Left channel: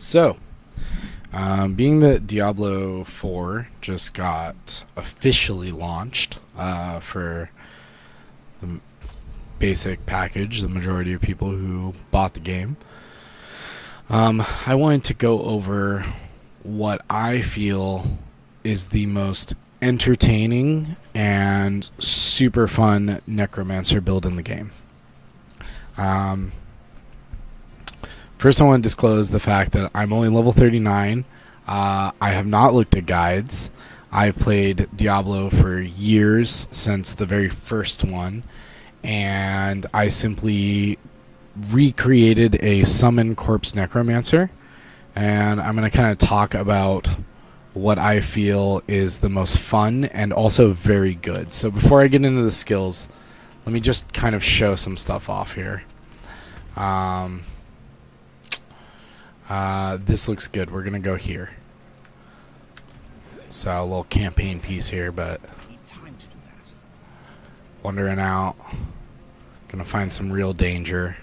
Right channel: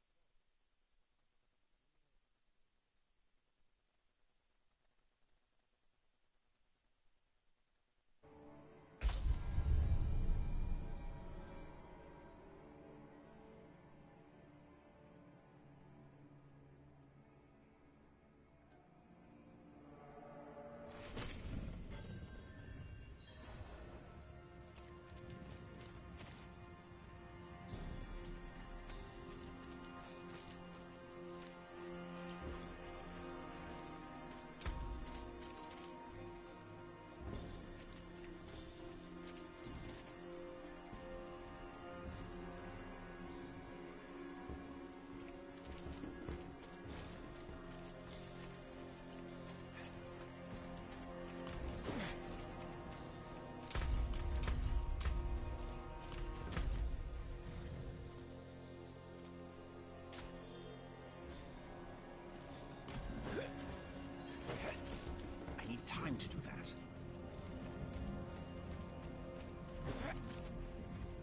So, being that Diablo 4 just got officially launched for the basic package, the majority of people who bought the game, I wanted to go over what I feel is the most entertaining and super fun Necromancer build in the game. First, I want to disclose the fact that I'm only level 39. I have not looked at guides. I've played Diablo for years, since the very first one, and I simply recreated a summon corpse necromancer, and I'm going to kind of talk about what I feel is the most fun and also very good. So before I get into the skills, let me just kind of show some stuff off here. This looks good. We're gonna go here. So a little campaign piece here, but I need time to do that. wandering out, gonna find some real danger.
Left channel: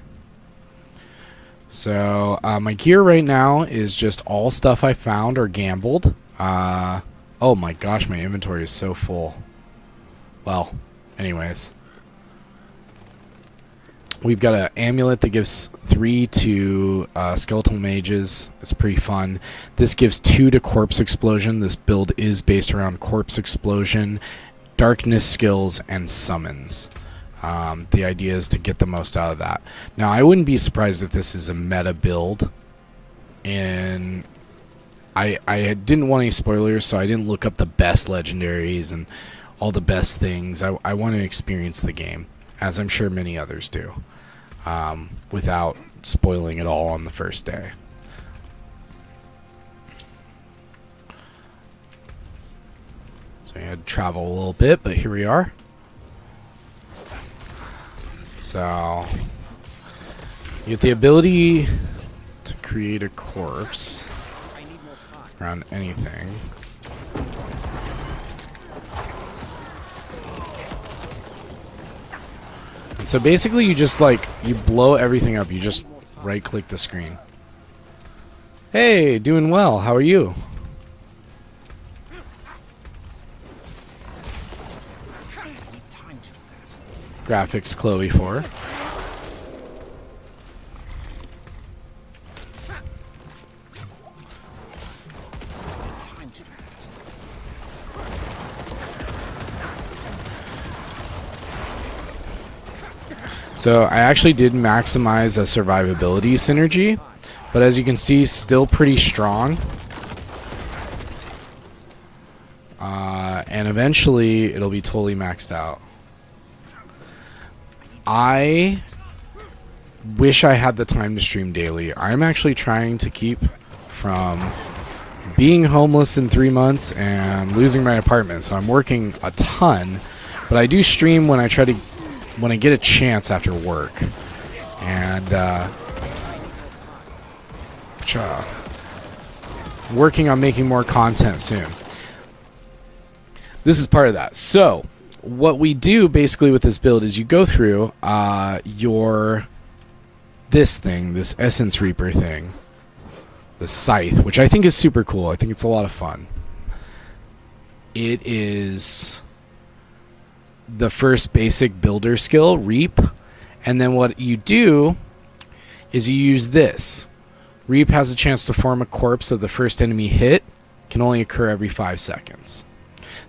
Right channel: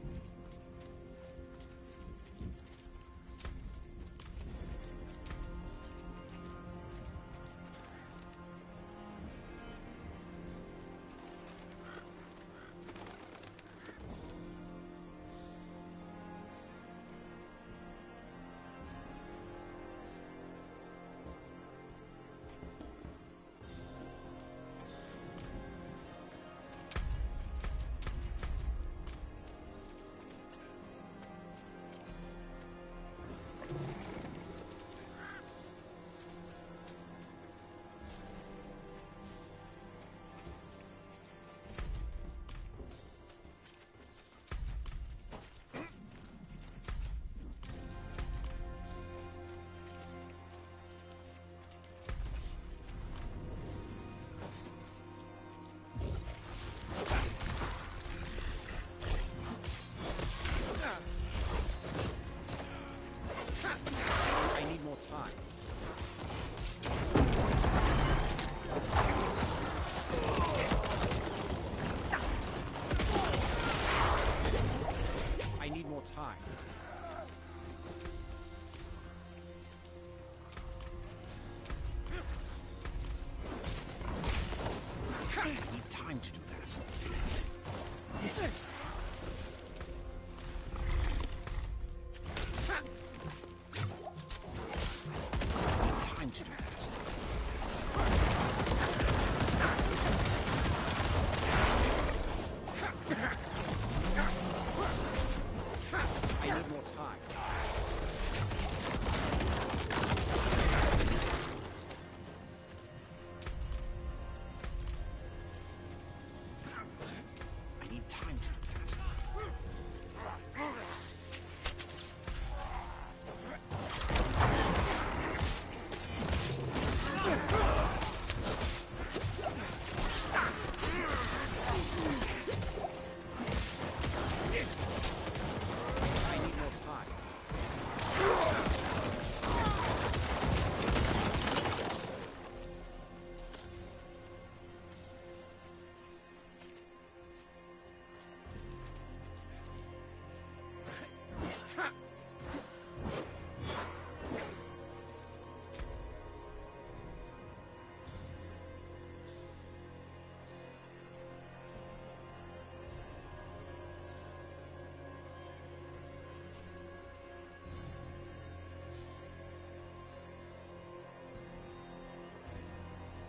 So my gear right now is just all stuff I found or gambled. Oh my gosh, my inventory is so full. Well, anyways. We've got an amulet that gives 3 to skeletal mages. It's pretty fun. This gives 2 to corpse explosion. This build is based around corpse explosion, darkness skills, and summons. The idea is to get the most out of that. Now, I wouldn't be surprised if this is a meta build. And I didn't want any spoilers, so I didn't look up the best legendaries and all the best things. I want to experience the game, as I'm sure many others do, without spoiling it all on the first day. So I had to travel a little bit, but here we are. So you get the ability to create a corpse I need more time. around anything. So basically you just you blow everything up. You just right click the screen. Hey, doing well. How are you? I need time to do that. Graphics Chloe 4. I need time to do that. So I actually did maximize a survivability synergy, but as you can see, still pretty strong. And eventually it'll be totally maxed out. I wish I had the time to stream daily. I'm actually trying to keep from being homeless in 3 months and losing my apartment, so I'm working a ton, but I do stream when I get a chance after work. And working on making more content soon. This is part of that. So what we do basically with this build is you go through this Essence Reaper thing, the Scythe, which I think is super cool. I think it's a lot of fun. It is the first basic builder skill, Reap, and then what you do is you use this. Reap has a chance to form a corpse of the first enemy hit, can only occur every 5 seconds.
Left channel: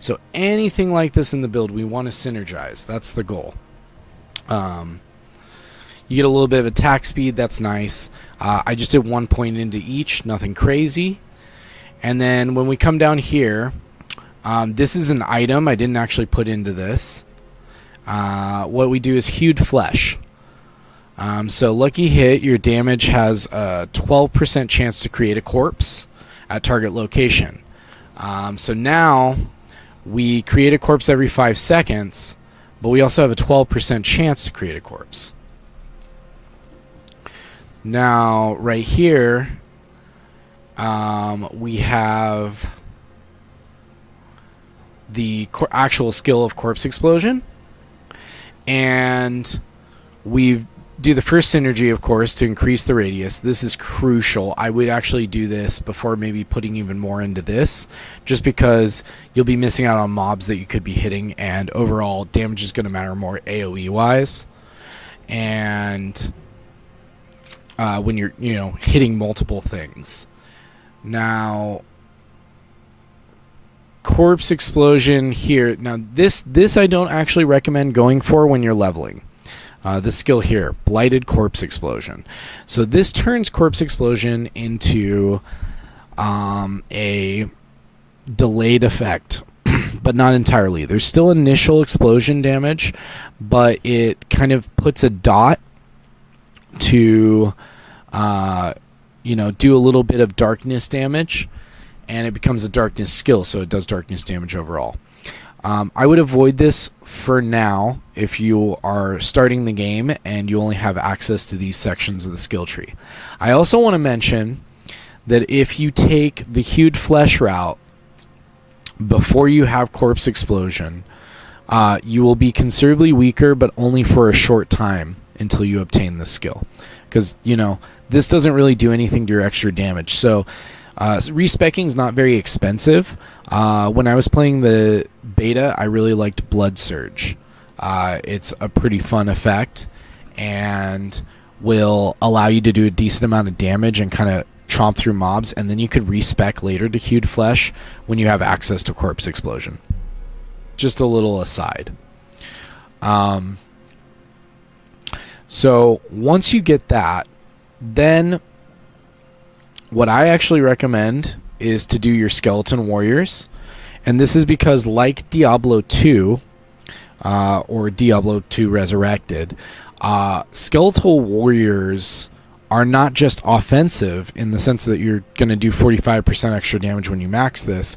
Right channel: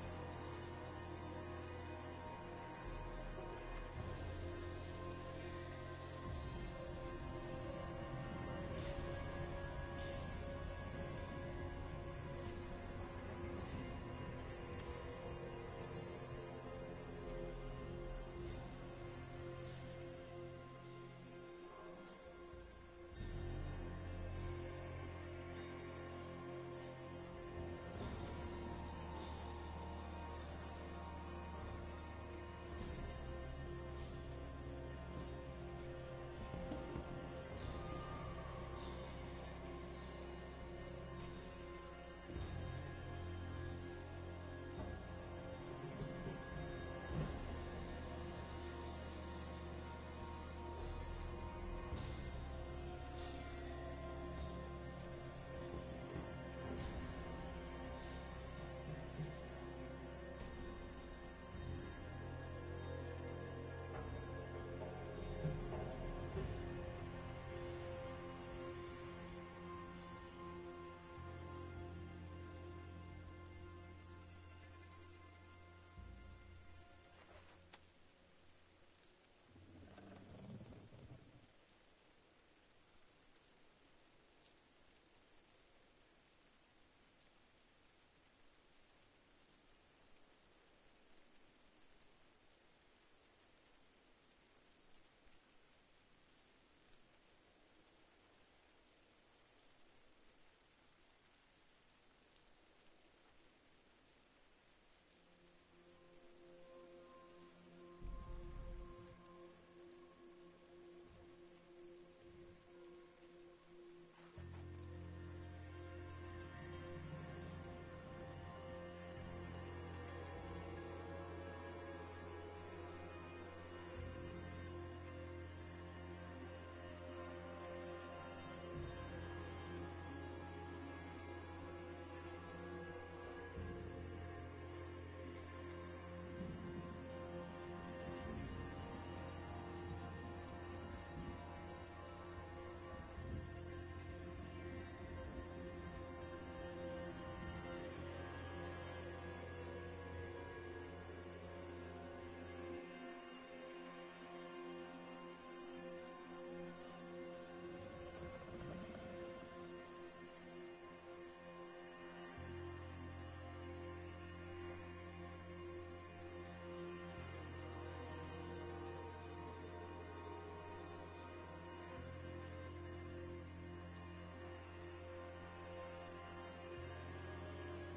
So anything like this in the build, we want to synergize. That's the goal. You get a little bit of attack speed, that's nice. I just did 1 point into each, nothing crazy. And then when we come down here, this is an item I didn't actually put into this. What we do is Hewed Flesh. So lucky hit, your damage has a 12% chance to create a corpse at target location. So now we create a corpse every 5 seconds, but we also have a 12% chance to create a corpse. Now right here, we have the actual skill of corpse explosion, and we've do the first synergy, of course, to increase the radius. This is crucial. I would actually do this before maybe putting even more into this, just because you'll be missing out on mobs that you could be hitting, and overall damage is going to matter more AoE wise. And when you're hitting multiple things. Now, corpse explosion here. Now this I don't actually recommend going for when you're leveling. This skill here, blighted corpse explosion. So this turns corpse explosion into a delayed effect, but not entirely. There's still initial explosion damage, but it kind of puts a dot to do a little bit of darkness damage, and it becomes a darkness skill, so it does darkness damage overall. I would avoid this for now if you are starting the game and you only have access to these sections of the skill tree. I also want to mention that if you take the hewed flesh route before you have corpse explosion, you will be considerably weaker, but only for a short time until you obtain this skill. Because, this doesn't really do anything to your extra damage. So respecking is not very expensive. When I was playing the beta, I really liked Blood Surge. It's a pretty fun effect and will allow you to do a decent amount of damage and kind of chomp through mobs, and then you could respec later to Hewed Flesh when you have access to Corpse Explosion. Just a little aside. So once you get that, then what I actually recommend is to do your Skeleton Warriors. And this is because, like Diablo 2, or Diablo 2 Resurrected, Skeletal Warriors are not just offensive in the sense that you're going to do 45% extra damage when you max this,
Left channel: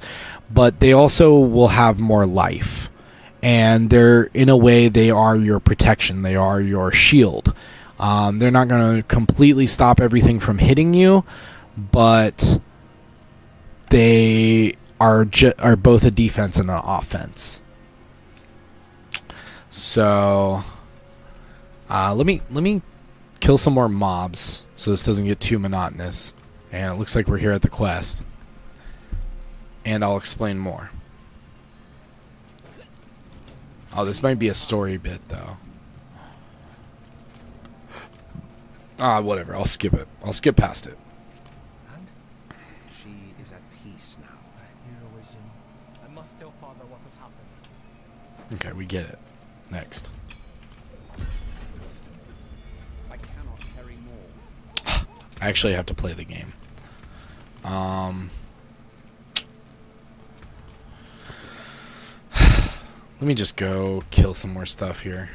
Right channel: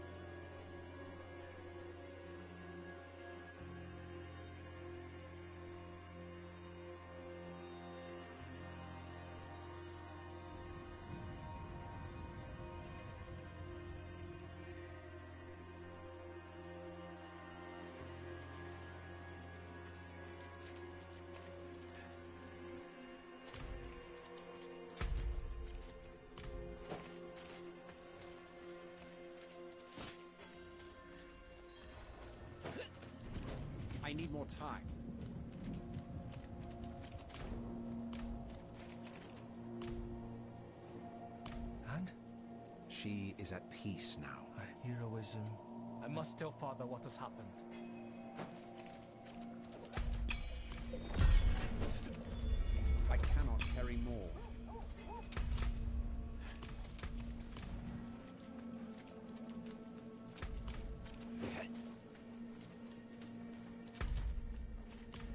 but they also will have more life. And they're, in a way, they are your protection. They are your shield. They're not going to completely stop everything from hitting you, but they are both a defense and an offense. So let me kill some more mobs so this doesn't get too monotonous. And it looks like we're here at the quest, and I'll explain more. Oh, this might be a story bit though. Whatever, I'll skip it. I'll skip past it. And she is at peace now. Heroism. I must tell Father what has happened. Okay, we get it. Next. I cannot carry more. I actually have to play the game. Let me just go kill some more stuff here.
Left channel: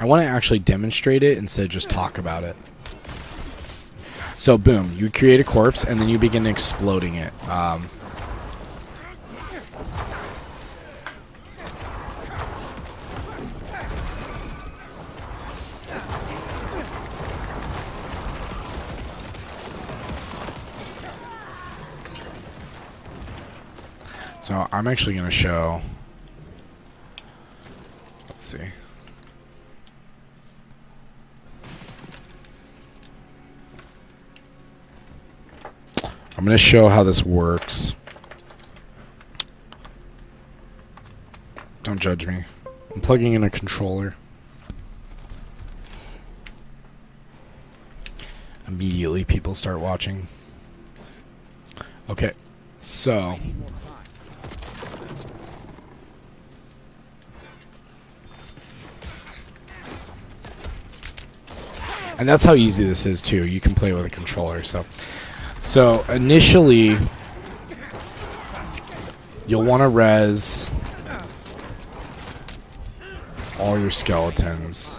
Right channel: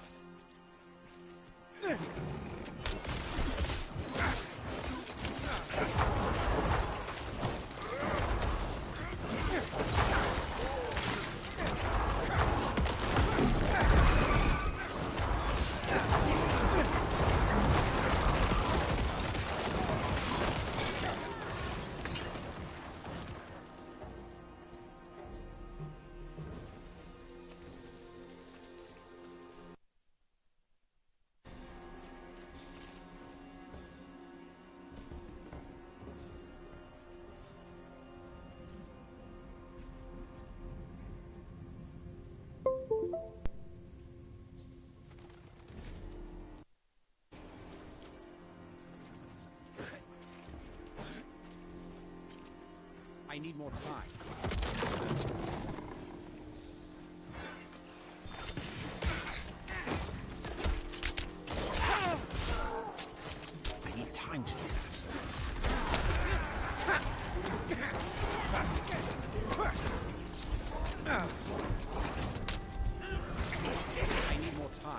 I want to actually demonstrate it instead of just talk about it. So boom, you create a corpse and then you begin exploding it. So I'm actually going to show, let's see. I'm going to show how this works. Don't judge me. I'm plugging in a controller. Immediately people start watching. Okay, so I need more time. and that's how easy this is too. You can play with a controller. So initially, you'll want to res all your skeletons.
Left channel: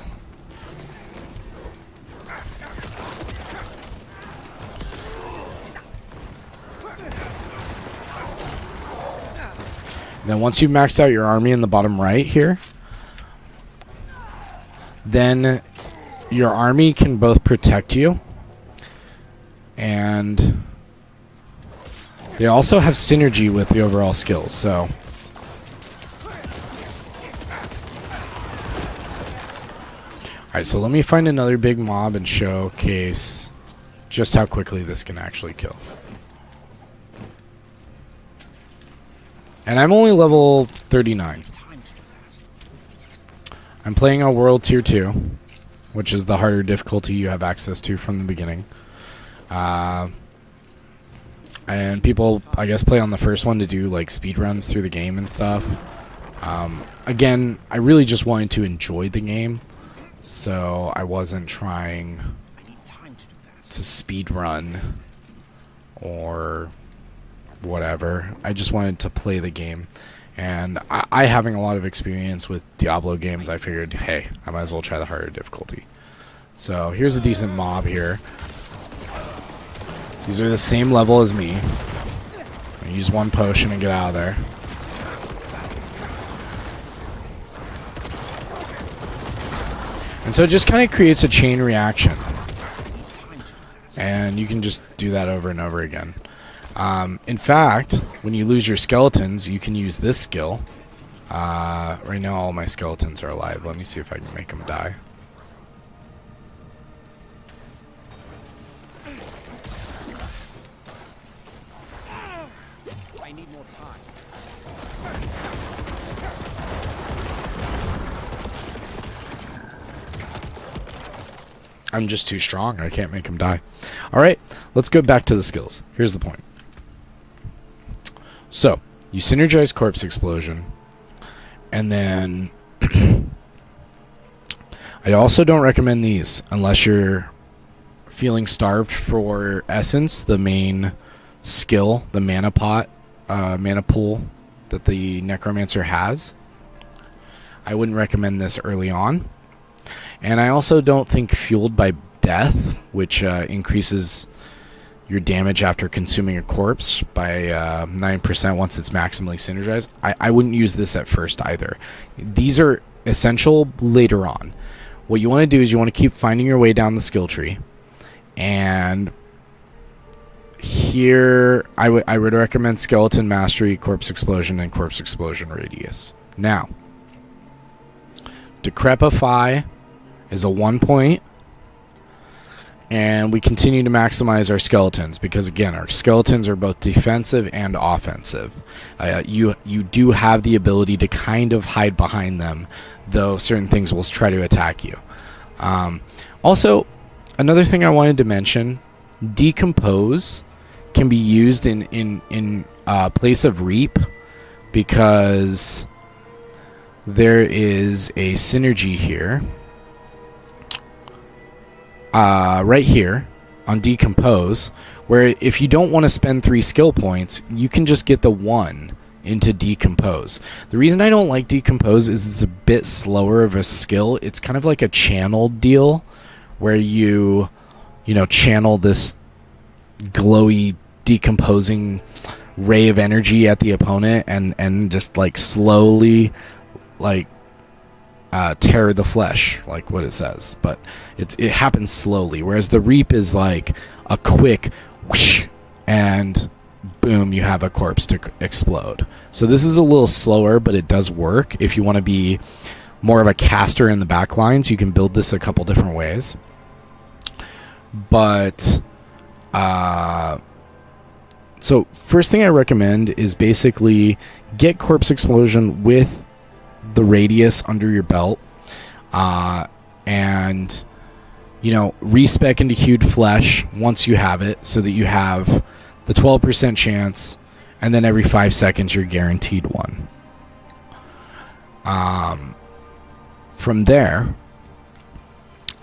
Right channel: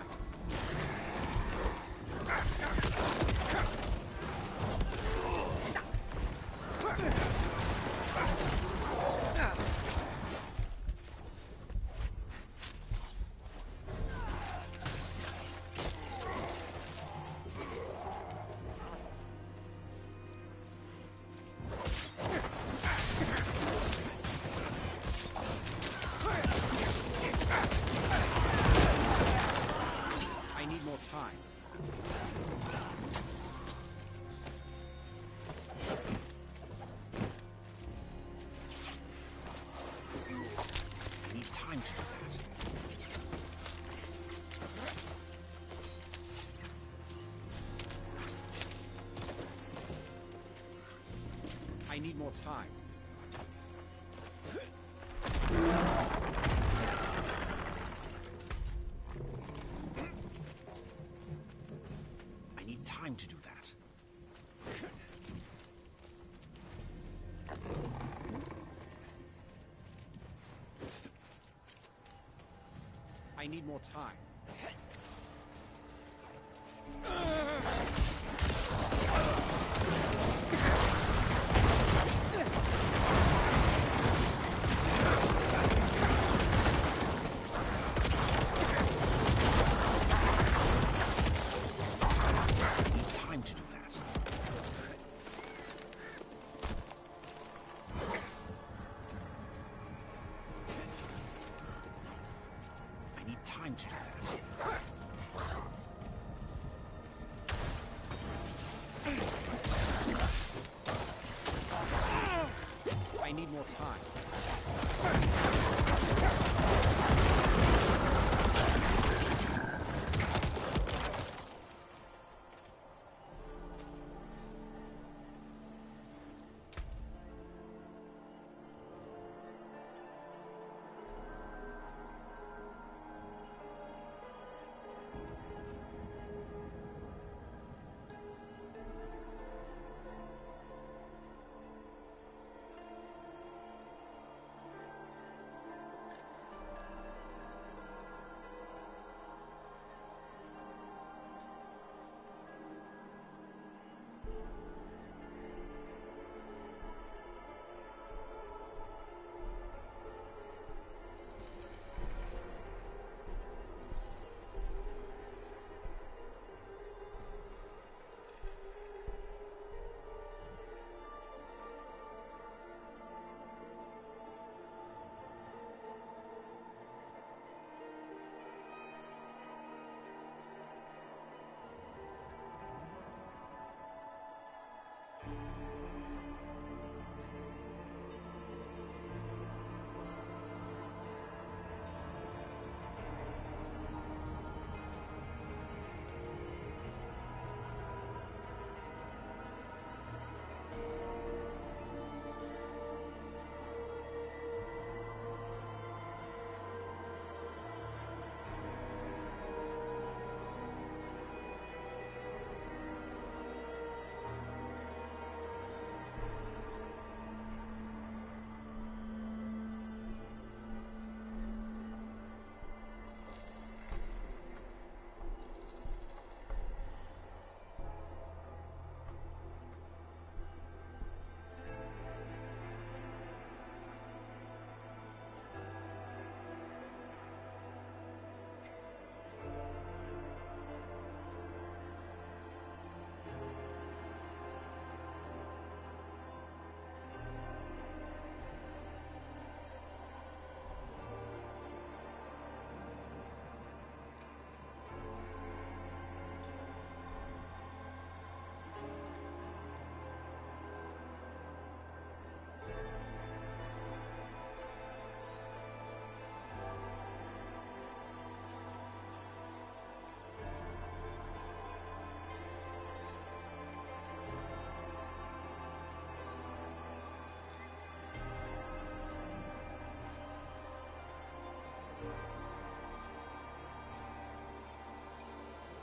Then once you've maxed out your army in the bottom right here, then your army can both protect you, and they also have synergy with the overall skills, so... Alright, so let me find another big mob and showcase just how quickly this can actually kill. And I'm only level 39. I'm playing on World Tier 2, which is the harder difficulty you have access to from the beginning. And people, I guess, play on the first one to do like speed runs through the game and stuff. Again, I really just wanted to enjoy the game, so I wasn't trying to speed run or whatever. I just wanted to play the game. And I having a lot of experience with Diablo games, I figured, hey, I might as well try the harder difficulty. So here's a decent mob here. These are the same level as me. Use one potion and get out of there. And so it just kind of creates a chain reaction. And you can just do that over and over again. In fact, when you lose your skeletons, you can use this skill. Right now all my skeletons are alive. Let me see if I can make them die. I need more time. I'm just too strong. I can't make them die. Alright, let's go back to the skills. Here's the point. So, you synergize Corpse Explosion, and then I also don't recommend these unless you're feeling starved for Essence, the main skill, the mana pot, mana pool that the Necromancer has. I wouldn't recommend this early on. And I also don't think Fueled by Death, which increases your damage after consuming a corpse by 9% once it's maximally synergized. I wouldn't use this at first either. These are essential later on. What you want to do is you want to keep finding your way down the skill tree. And here I would recommend Skeleton Mastery, Corpse Explosion, and Corpse Explosion Radius. Now, Decrepify is a 1 point. And we continue to maximize our skeletons because, again, our skeletons are both defensive and offensive. You do have the ability to kind of hide behind them, though certain things will try to attack you. Also, another thing I wanted to mention, Decompose can be used in place of Reap because there is a synergy here. Right here on Decompose, where if you don't want to spend 3 skill points, you can just get the 1 into Decompose. The reason I don't like Decompose is it's a bit slower of a skill. It's kind of like a channeled deal where you channel this glowy decomposing ray of energy at the opponent and just like slowly like tear the flesh, like what it says, but it happens slowly, whereas the Reap is like a quick whoosh, and boom, you have a corpse to explode. So this is a little slower, but it does work. If you want to be more of a caster in the back lines, you can build this a couple different ways. But so first thing I recommend is basically get Corpse Explosion with the Radius under your belt, and respec into Hued Flesh once you have it, so that you have the 12% chance, and then every 5 seconds you're guaranteed one. From there,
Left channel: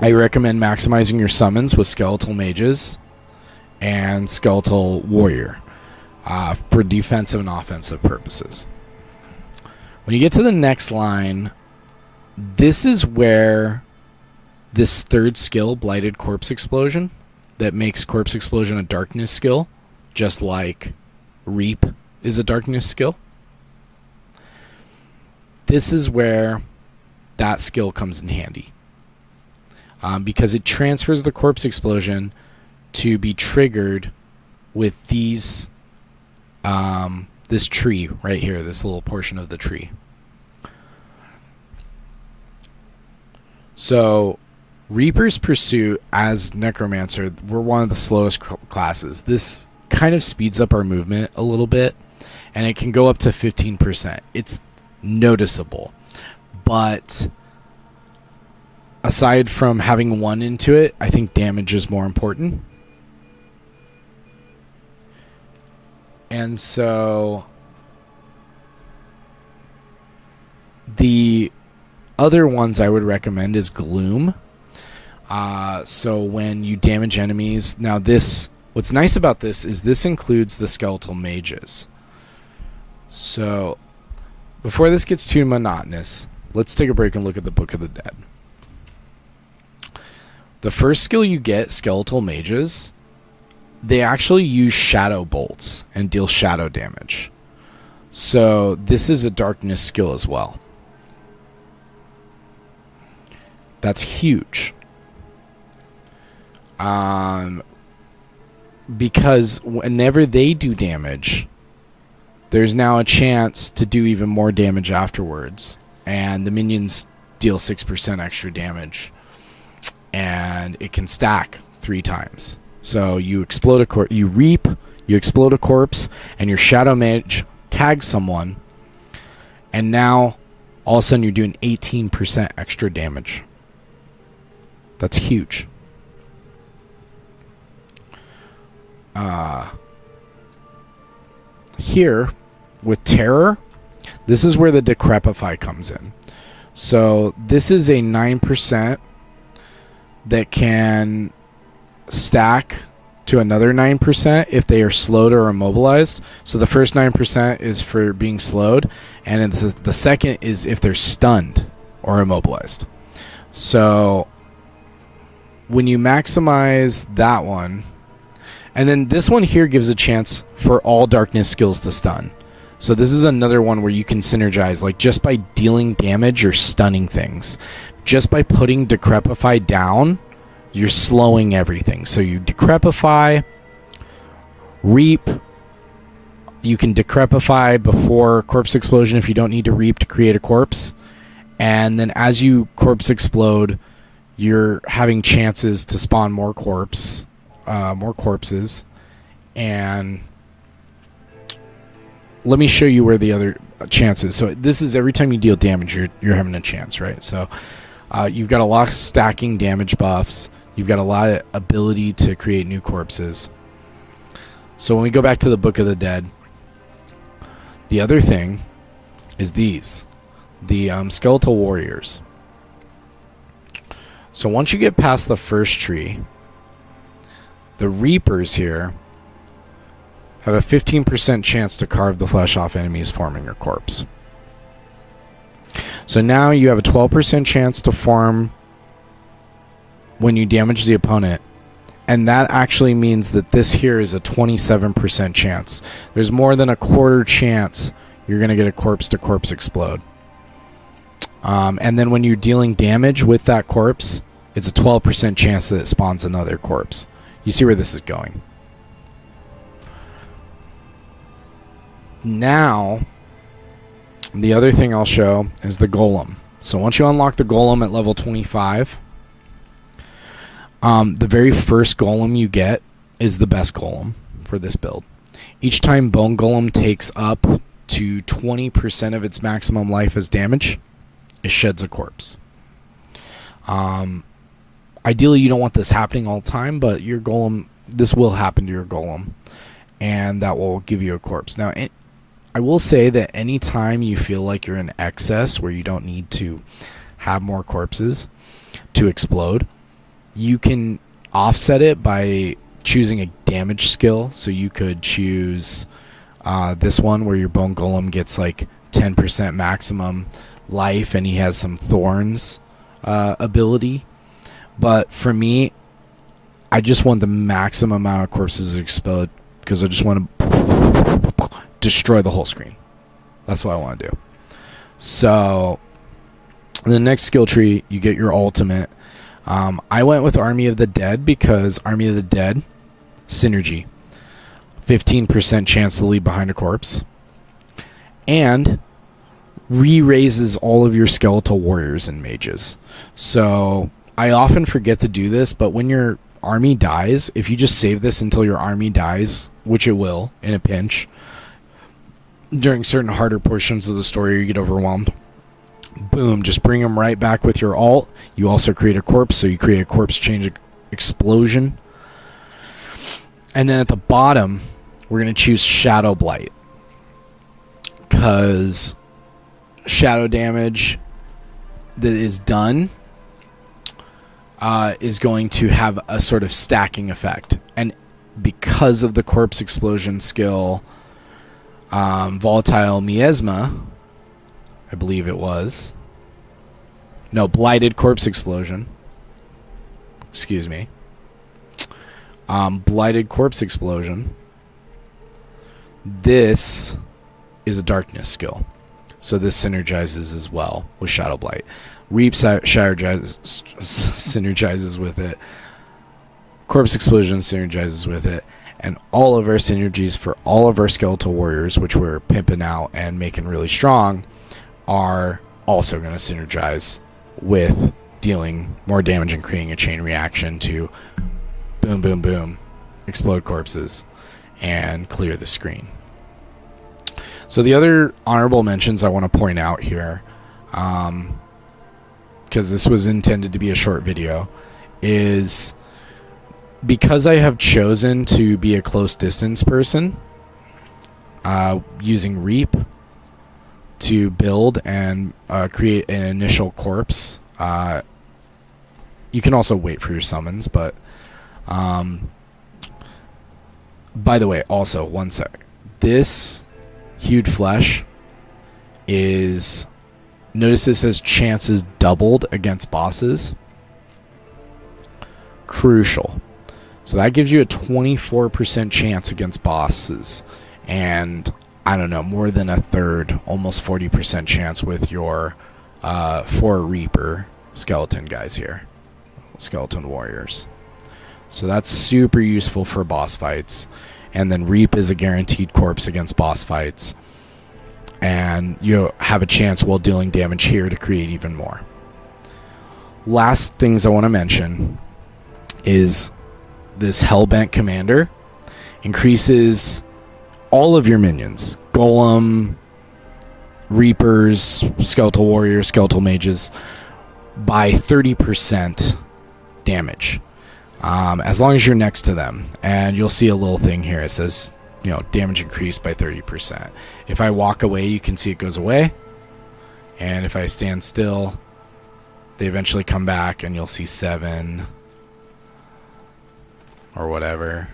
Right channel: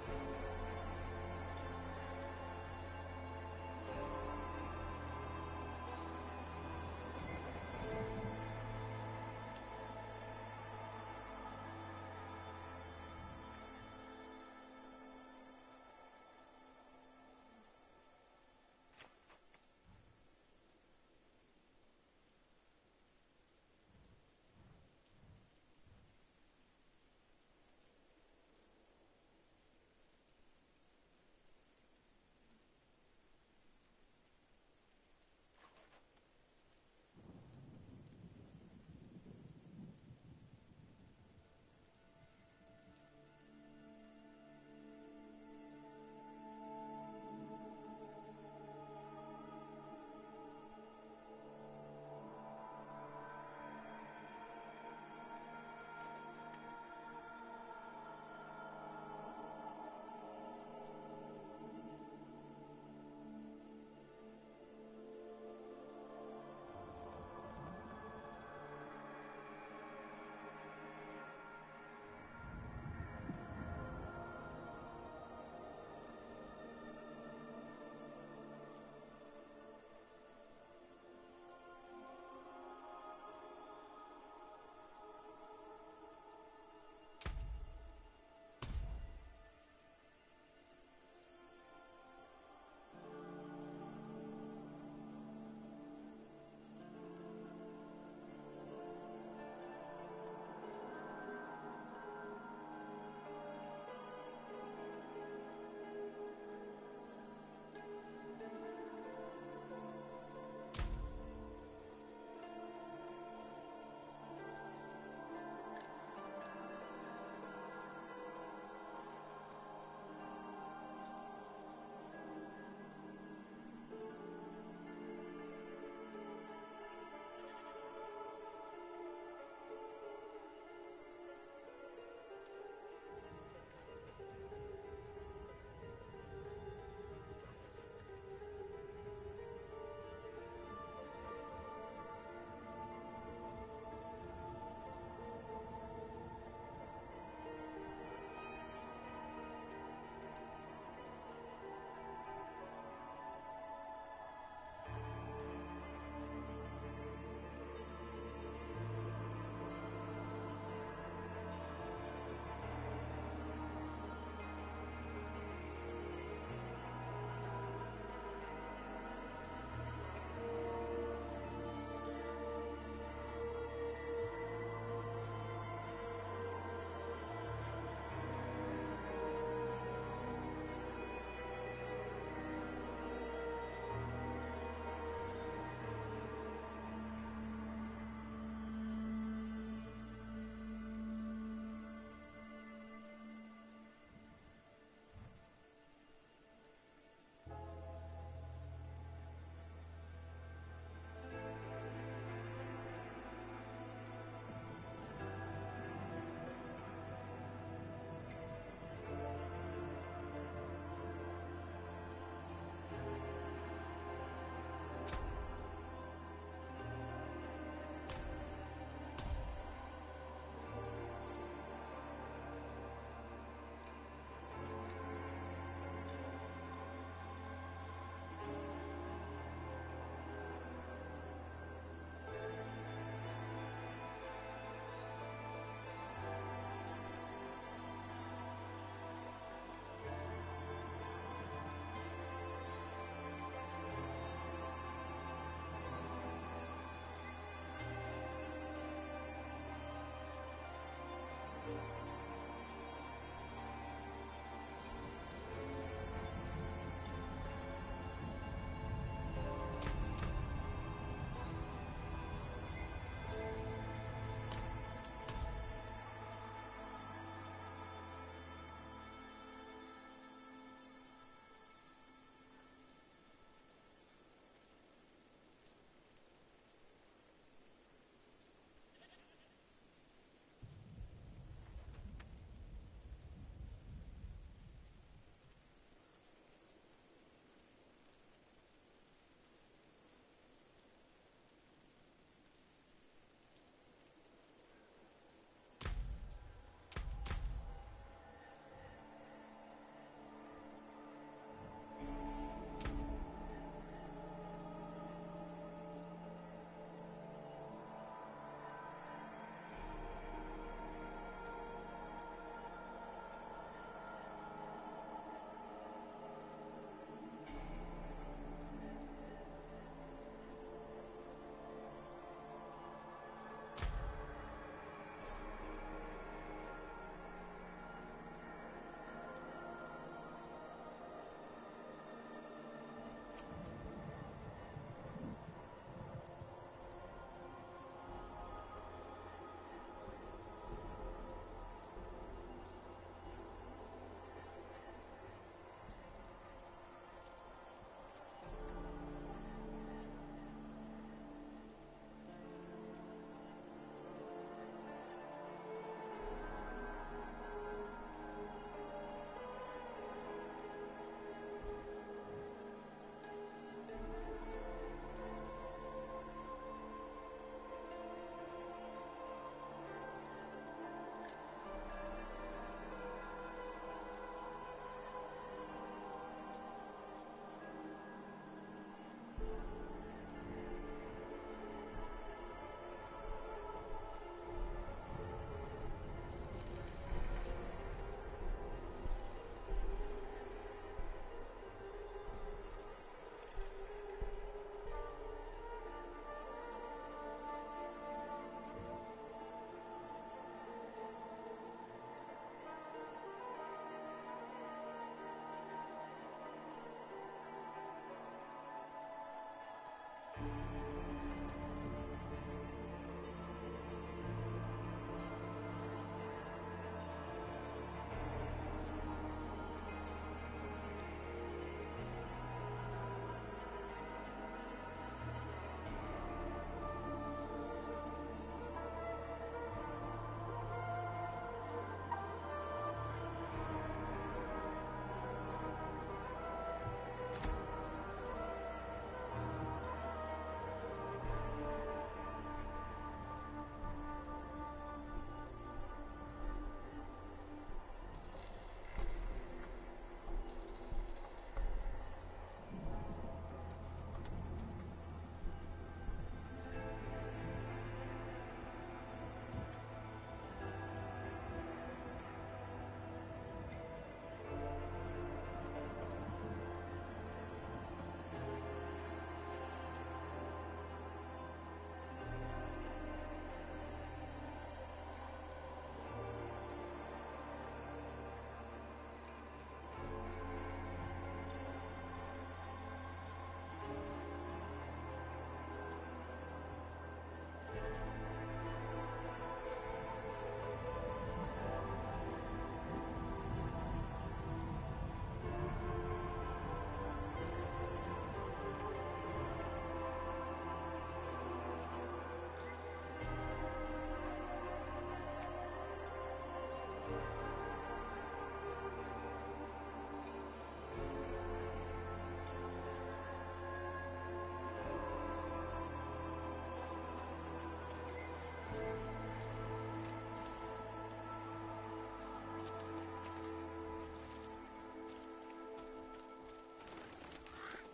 I recommend maximizing your summons with Skeletal Mages and Skeletal Warrior for defensive and offensive purposes. When you get to the next line, this is where this third skill, Blighted Corpse Explosion, that makes Corpse Explosion a darkness skill, just like Reap is a darkness skill. This is where that skill comes in handy. Because it transfers the Corpse Explosion to be triggered with these this tree right here, this little portion of the tree. So Reaper's Pursuit as Necromancer, we're one of the slowest classes. This kind of speeds up our movement a little bit, and it can go up to 15%. It's noticeable, but aside from having 1 into it, I think damage is more important. And so the other ones I would recommend is Gloom. So when you damage enemies, now this, what's nice about this is this includes the skeletal mages. So before this gets too monotonous, let's take a break and look at the Book of the Dead. The first skill you get, skeletal mages, they actually use shadow bolts and deal shadow damage. So this is a darkness skill as well. That's huge. Because whenever they do damage, there's now a chance to do even more damage afterwards. And the minions deal 6% extra damage. And it can stack 3 times. So you explode you reap, you explode a corpse, and your shadow mage tags someone, and now all of a sudden you're doing 18% extra damage. That's huge. Here with Terror, this is where the Decrepify comes in. So this is a 9% that can stack to another 9% if they are slowed or immobilized. So the first 9% is for being slowed, and the second is if they're stunned or immobilized. So when you maximize that one, and then this one here gives a chance for all darkness skills to stun. So this is another one where you can synergize, like just by dealing damage, you're stunning things. Just by putting Decrepify down, you're slowing everything. So you Decrepify, Reap. You can Decrepify before Corpse Explosion if you don't need to Reap to create a corpse. And then as you Corpse Explode, you're having chances to spawn more corpses. And let me show you where the other chance is. So this is every time you deal damage, you're having a chance, right? So you've got a lot of stacking damage buffs. You've got a lot of ability to create new corpses. So when we go back to the Book of the Dead, the other thing is these. The Skeletal Warriors. So once you get past the first tree, the Reapers here have a 15% chance to carve the flesh off enemies forming a corpse. So now you have a 12% chance to farm when you damage the opponent, and that actually means that this here is a 27% chance. There's more than a quarter chance you're going to get a corpse to corpse explode. And then when you're dealing damage with that corpse, it's a 12% chance that it spawns another corpse. You see where this is going. Now, the other thing I'll show is the Golem. So once you unlock the Golem at level 25, the very first Golem you get is the best Golem for this build. Each time Bone Golem takes up to 20% of its maximum life as damage, it sheds a corpse. Ideally, you don't want this happening all the time, but your Golem, this will happen to your Golem, and that will give you a corpse. Now, I will say that any time you feel like you're in excess where you don't need to have more corpses to explode, you can offset it by choosing a damage skill. So you could choose this one where your Bone Golem gets like 10% maximum life and he has some thorns ability. But for me, I just want the maximum amount of corpses to explode because I just want to destroy the whole screen. That's what I want to do. So in the next skill tree, you get your ultimate. I went with Army of the Dead because Army of the Dead, synergy. 15% chance to leave behind a corpse, and re-raises all of your skeletal warriors and mages. So I often forget to do this, but when your army dies, if you just save this until your army dies, which it will in a pinch, during certain harder portions of the story you get overwhelmed, boom, just bring them right back with your alt. You also create a corpse, so you create a corpse change explosion. And then at the bottom, we're going to choose Shadow Blight, because shadow damage that is done is going to have a sort of stacking effect. And because of the corpse explosion skill, Volatile Miasma, I believe it was. No, Blighted Corpse Explosion. Excuse me. Blighted Corpse Explosion. This is a darkness skill. So this synergizes as well with Shadow Blight. Reap synergizes with it. Corpse Explosion synergizes with it. And all of our synergies for all of our skeletal warriors, which we're pimping out and making really strong, are also going to synergize with dealing more damage and creating a chain reaction to boom, boom, boom, explode corpses, and clear the screen. So the other honorable mentions I want to point out here, because this was intended to be a short video, is because I have chosen to be a close distance person, using Reap to build and create an initial corpse. You can also wait for your summons, but by the way, also, one sec. This Hued Flesh is, notice this says chances doubled against bosses. Crucial. So that gives you a 24% chance against bosses, and I don't know, more than a third, almost 40% chance with your 4 Reaper skeleton guys here, skeleton warriors. So that's super useful for boss fights. And then Reap is a guaranteed corpse against boss fights, and you have a chance while dealing damage here to create even more. Last things I want to mention is this Hellbent Commander increases all of your minions, Golem, Reapers, Skeletal Warriors, Skeletal Mages, by 30% damage. As long as you're next to them. And you'll see a little thing here. It says, you know, damage increased by 30%. If I walk away, you can see it goes away. And if I stand still, they eventually come back, and you'll see 7 or whatever.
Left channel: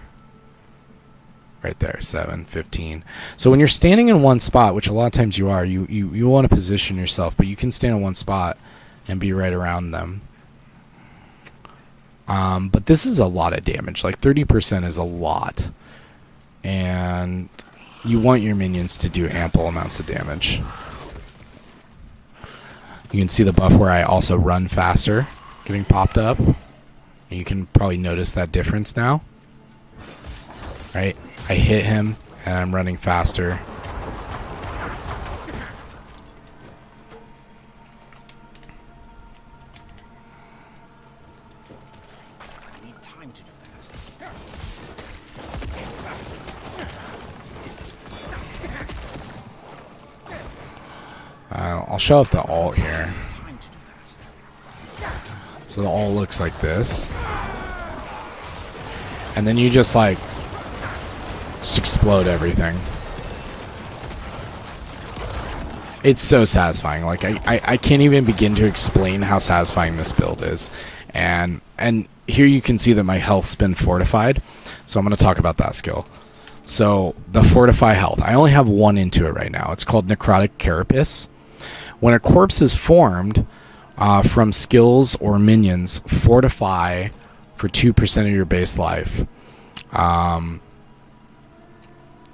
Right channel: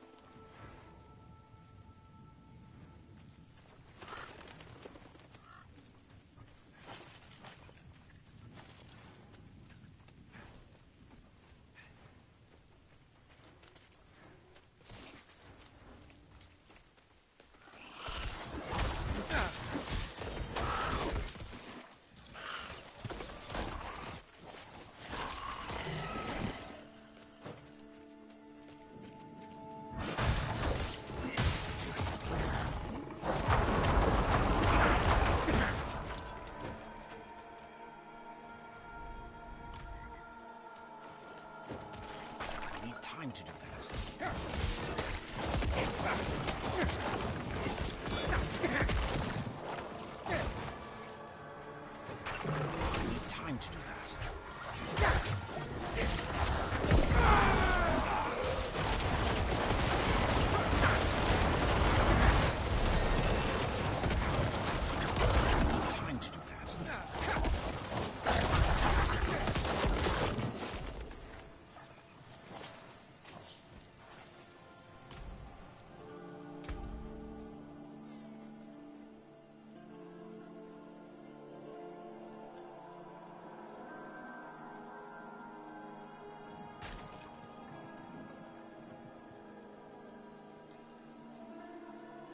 Right there, 7, 15. So when you're standing in one spot, which a lot of times you are, you want to position yourself, but you can stand in one spot and be right around them. But this is a lot of damage. Like 30% is a lot. And you want your minions to do ample amounts of damage. You can see the buff where I also run faster getting popped up. And you can probably notice that difference now. Right? I hit him and I'm running faster. I need time to do that. I'll show off the alt here. Time to do that. So the alt looks like this. And then you just like explode everything. It's so satisfying. Like I can't even begin to explain how satisfying this build is. And here you can see that my health's been fortified. So I'm going to talk about that skill. So the fortify health. I only have 1 into it right now. It's called Necrotic Carapace. When a corpse is formed from skills or minions, fortify for 2% of your base life.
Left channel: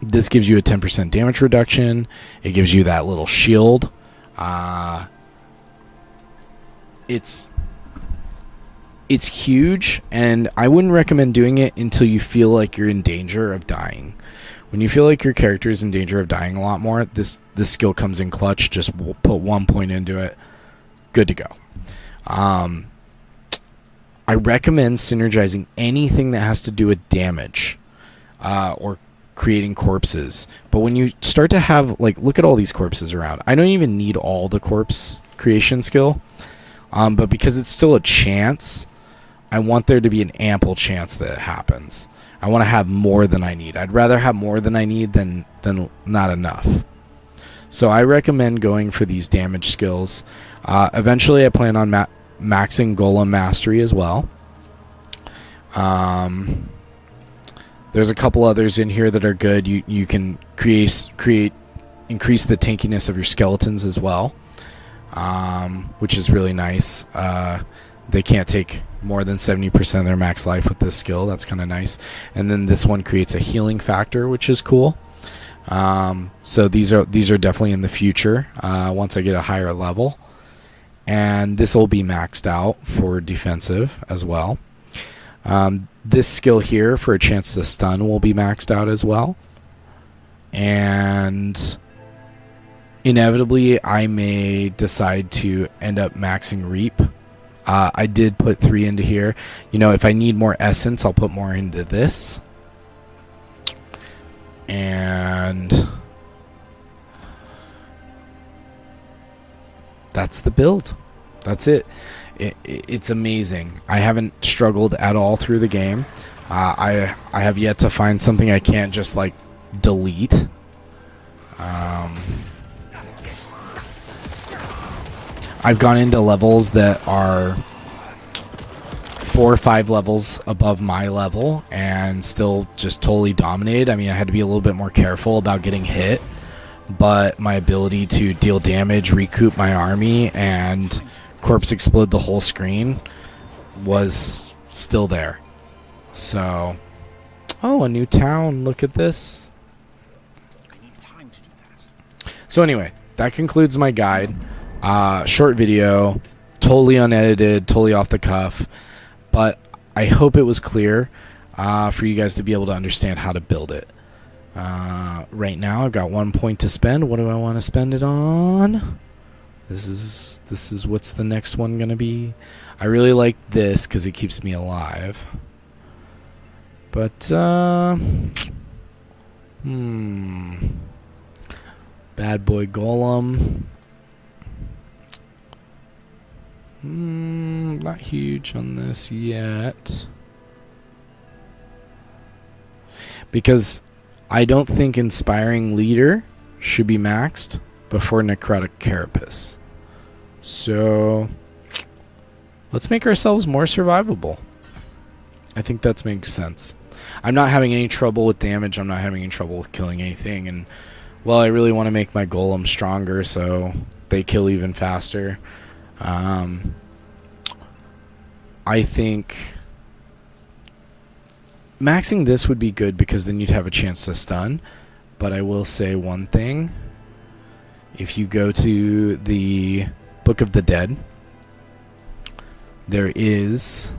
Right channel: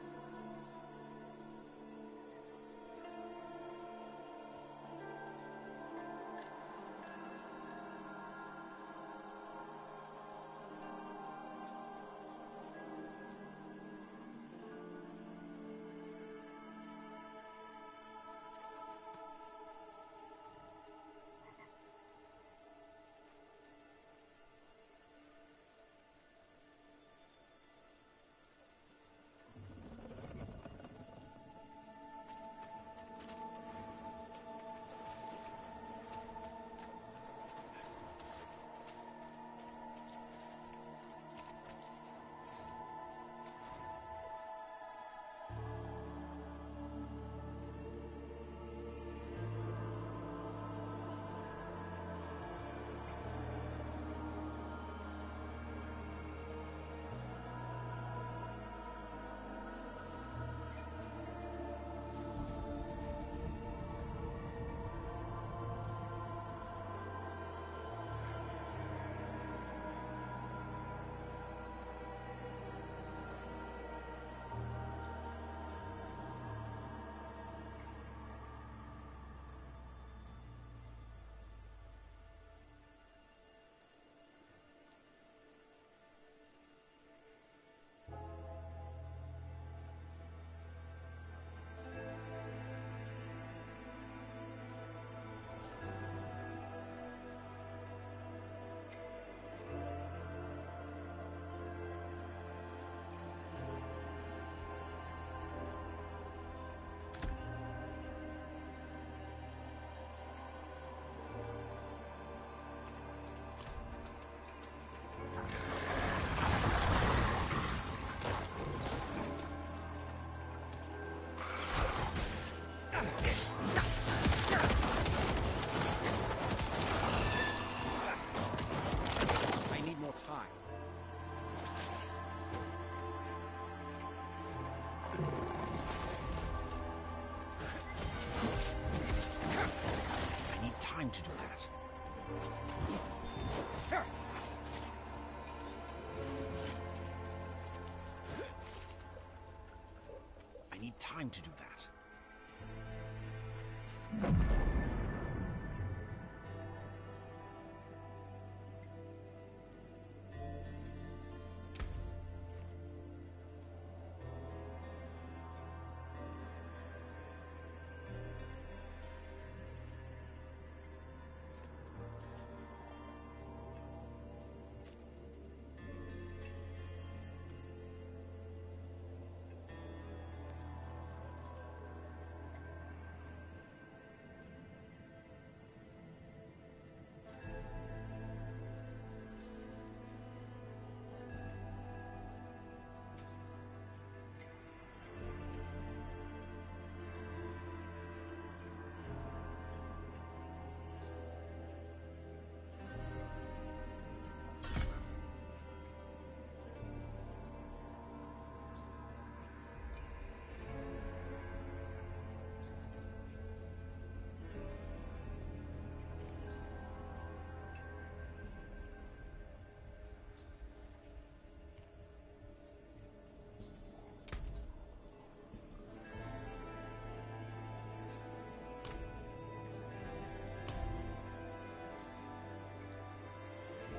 This gives you a 10% damage reduction. It gives you that little shield. It's huge, and I wouldn't recommend doing it until you feel like you're in danger of dying. When you feel like your character is in danger of dying a lot more, this skill comes in clutch. Just put 1 point into it. Good to go. I recommend synergizing anything that has to do with damage or creating corpses. But when you start to have, like, look at all these corpses around. I don't even need all the corpse creation skill. But because it's still a chance, I want there to be an ample chance that it happens. I want to have more than I need. I'd rather have more than I need than not enough. So I recommend going for these damage skills. Eventually, I plan on maxing Golem Mastery as well. There's a couple others in here that are good. You can increase the tankiness of your skeletons as well, which is really nice. They can't take more than 70% of their max life with this skill. That's kind of nice. And then this one creates a healing factor, which is cool. So these are definitely in the future once I get a higher level. And this will be maxed out for defensive as well. This skill here for a chance to stun will be maxed out as well. And inevitably I may decide to end up maxing Reap. I did put 3 into here. You know, if I need more essence, I'll put more into this. And that's the build. That's it. It's amazing. I haven't struggled at all through the game. I have yet to find something I can't just, like, delete. I've gone into levels that are 4 or 5 levels above my level and still just totally dominated. I mean, I had to be a little bit more careful about getting hit, but my ability to deal damage, recoup my army, and corpse explode the whole screen was still there. So, oh, a new town. Look at this. I need time to do that. So anyway, that concludes my guide. Short video, totally unedited, totally off the cuff, but I hope it was clear for you guys to be able to understand how to build it. Right now, I've got 1 point to spend. What do I want to spend it on? This is what's the next one gonna be? I really like this because it keeps me alive. But Bad Boy Golem. Not huge on this yet. Because I don't think Inspiring Leader should be maxed before Necrotic Carapace. So let's make ourselves more survivable. I think that makes sense. I'm not having any trouble with damage. I'm not having any trouble with killing anything. And, well, I really want to make my golem stronger so they kill even faster. I think maxing this would be good because then you'd have a chance to stun. But I will say one thing. If you go to the Book of the Dead, there is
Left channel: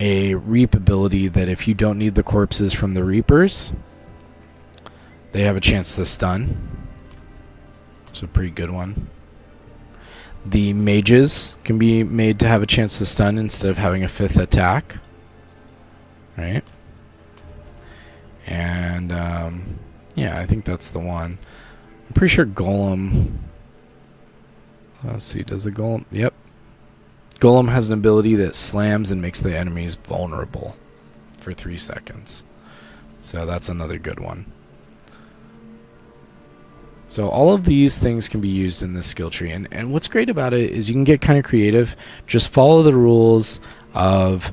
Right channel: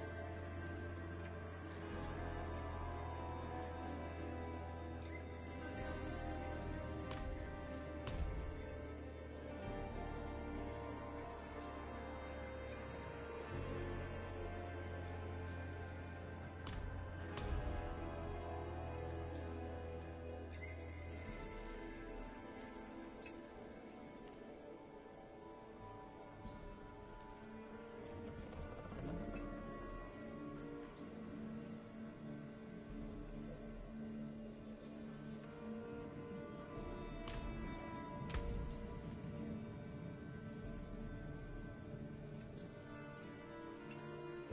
a Reap ability that if you don't need the corpses from the Reapers, they have a chance to stun. It's a pretty good one. The mages can be made to have a chance to stun instead of having a 5th attack. Right? And, yeah, I think that's the one. I'm pretty sure Golem... Let's see, does the Golem... Yep. Golem has an ability that slams and makes the enemies vulnerable for 3 seconds. So that's another good one. So all of these things can be used in this skill tree. And what's great about it is you can get kind of creative. Just follow the rules of,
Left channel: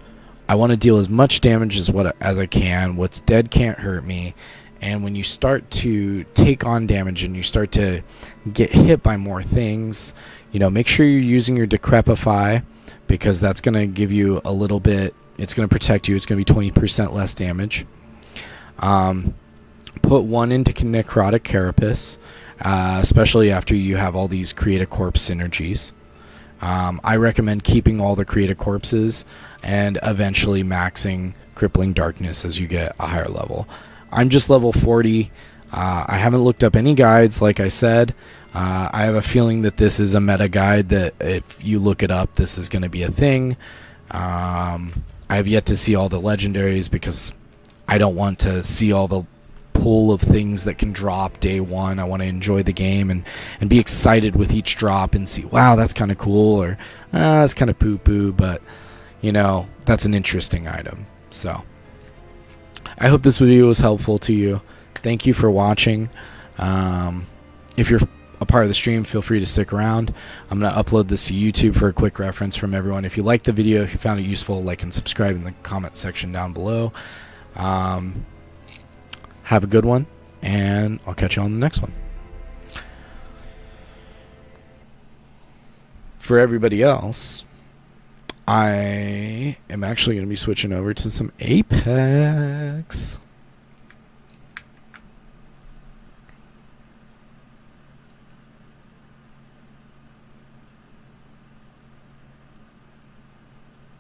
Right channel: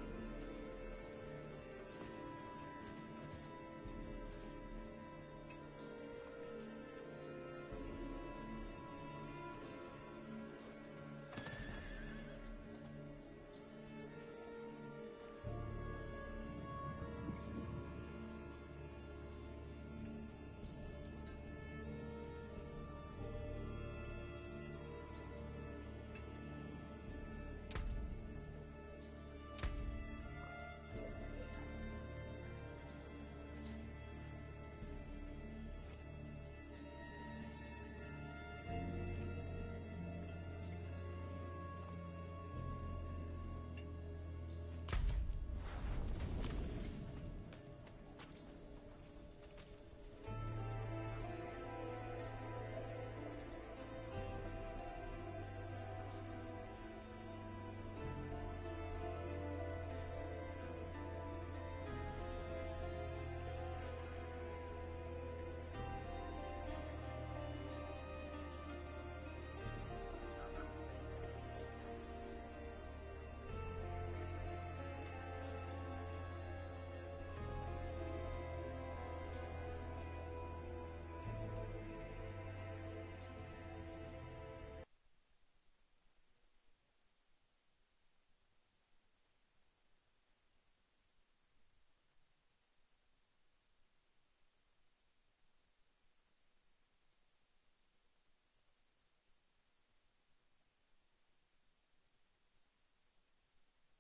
I want to deal as much damage as I can. What's dead can't hurt me. And when you start to take on damage and you start to get hit by more things, you know, make sure you're using your Decrepify, because that's going to give you a little bit, it's going to protect you. It's going to be 20% less damage. Put 1 into Necrotic Carapace, especially after you have all these Create a Corpse synergies. I recommend keeping all the Create a Corpses and eventually maxing Crippling Darkness as you get a higher level. I'm just level 40. I haven't looked up any guides, like I said. I have a feeling that this is a meta guide that if you look it up, this is going to be a thing. I have yet to see all the legendaries because I don't want to see all the pool of things that can drop day one. I want to enjoy the game and be excited with each drop and see, wow, that's kind of cool, or that's kind of poo-poo, but, you know, that's an interesting item. So I hope this video was helpful to you. Thank you for watching. If you're a part of the stream, feel free to stick around. I'm going to upload this to YouTube for a quick reference from everyone. If you liked the video, if you found it useful, like and subscribe in the comment section down below. Have a good one, and I'll catch you on the next one. For everybody else, I am actually going to be switching over to some Apex.